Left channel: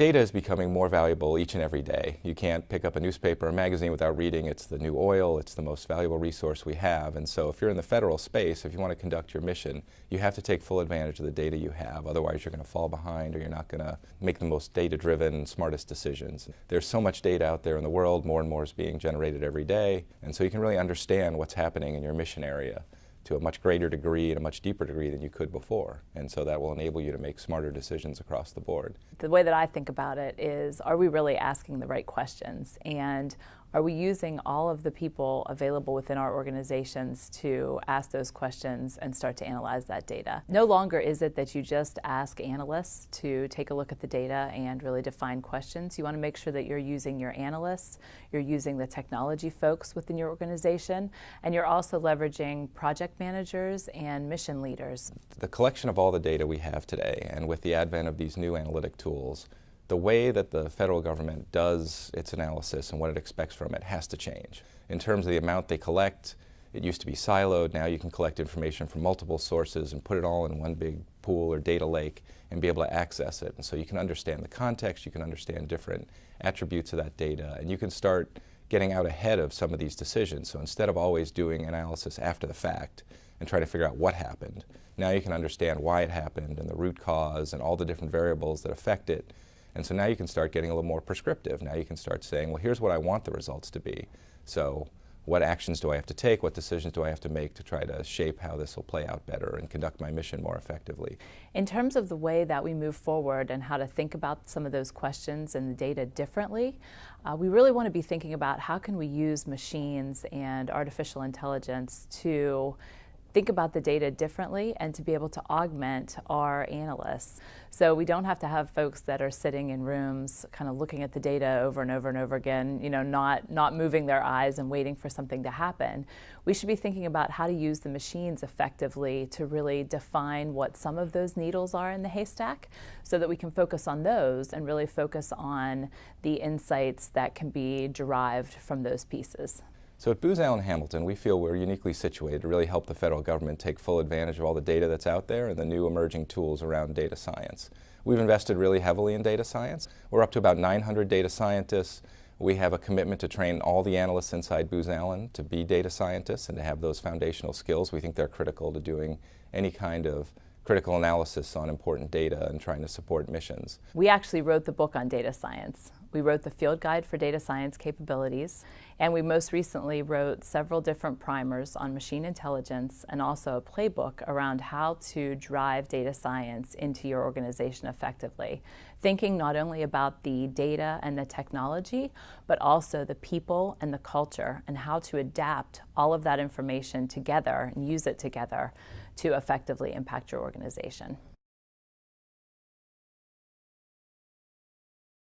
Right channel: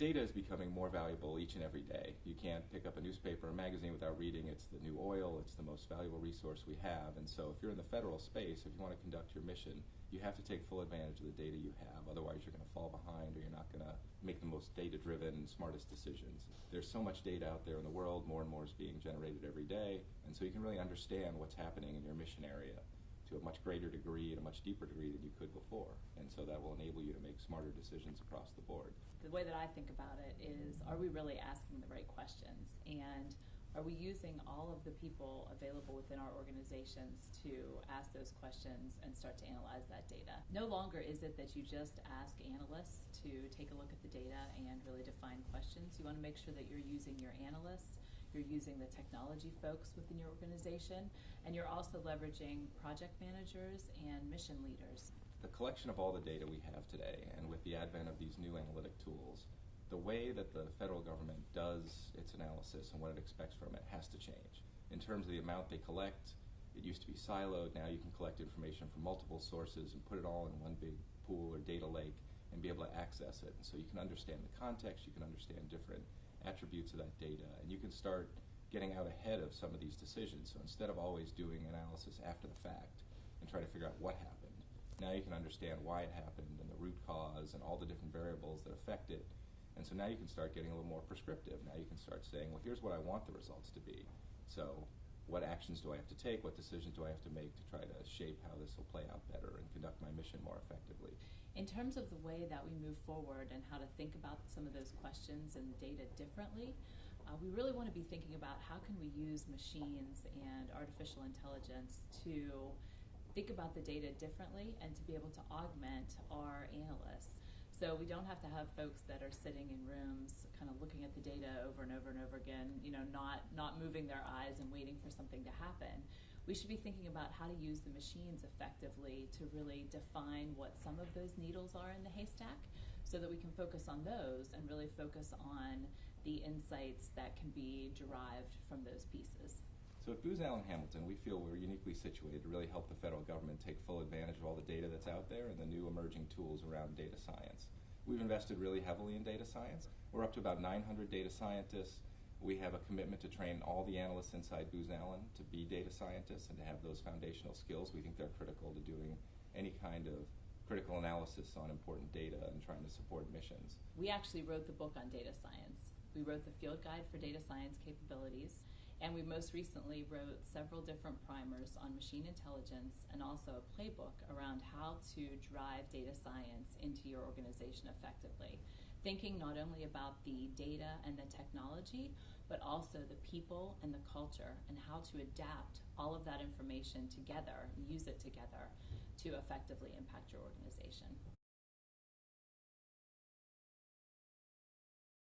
Data is becoming more valuable each and every day. You can't pick up a newspaper or magazine without reading it's the new oil, it's the most valuable resource we have. And so if you're in the federal space, if you want to conduct your mission, you have to take full advantage of the data you have. Otherwise you're going to fall behind, or you're not going to make the most data-driven, smartest decisions. There's so much data out there in the world, more and more is being generated every day, and so you can really understand what's happening in your mission area to a much greater degree and a much deeper degree than you could before. And so that will enable you to make smarter decisions across the board. The way that I think about it is, are we really asking the right questions? And are we using all of the people available within our organizations to ask those questions and start to analyze that data? No longer is it that you just ask analysts to take a look at the data and really define questions. You want to make sure that you're using your analysts, you're using the technology folks within your organization, and you're also leveraging project managers and mission leaders. The collection of all the data we have today, and with the advent of these new analytic tools, the way that the federal government does its analysis and what it expects from it has to change. In terms of the amount they collect, it used to be siloed. Now you can collect information from multiple sources and put it all in one big pool or data lake and be able to access it. And so you can understand the context, you can understand different attributes of that data, and you can start getting out ahead of some of these decisions. So instead of always doing analysis after the fact and trying to figure out what happened, now you can understand why it happened and the root cause and all the different variables that affect it. And so now you can start getting a little more prescriptive. Now you can start saying, well, here's what I want the results to be. So what actions do I have to take? What decisions do I have to make to try to shape how this will play out better and conduct my mission more effectively? In terms of the way that we move forward and how to think about some of those questions and the data differently, we really want to be thinking about how can we use machines and artificial intelligence to think about the data differently and to be able to augment our analysts. So we don't have to have folks that are sitting in rooms kind of looking at the data over and over and over again, not moving their eyes and waiting for something to happen. We should be thinking about how to use the machines effectively to really define what some of those needles are in the haystack so that we can focus on those and really focus on the insights that can be derived from those pieces. So at Booz Allen Hamilton, we feel we're uniquely situated to really help the federal government take full advantage of all the data that's out there and the new emerging tools around data science. We've invested really heavily in data science. We're up to about 900 data scientists. We have a commitment to train all the analysts inside Booz Allen to be data scientists and to have those foundational skills. We think they're critical to doing any kind of critical analysis on important data and trying to support missions. We actually wrote the book on data science. We wrote the field guide for data science capabilities, and we most recently wrote several different primers on machine intelligence and also a playbook around how to drive data science into your organization effectively, thinking not only about the data and the technology, but also the people and the culture and how to adapt all of that information together and use it together to effectively impact your organization.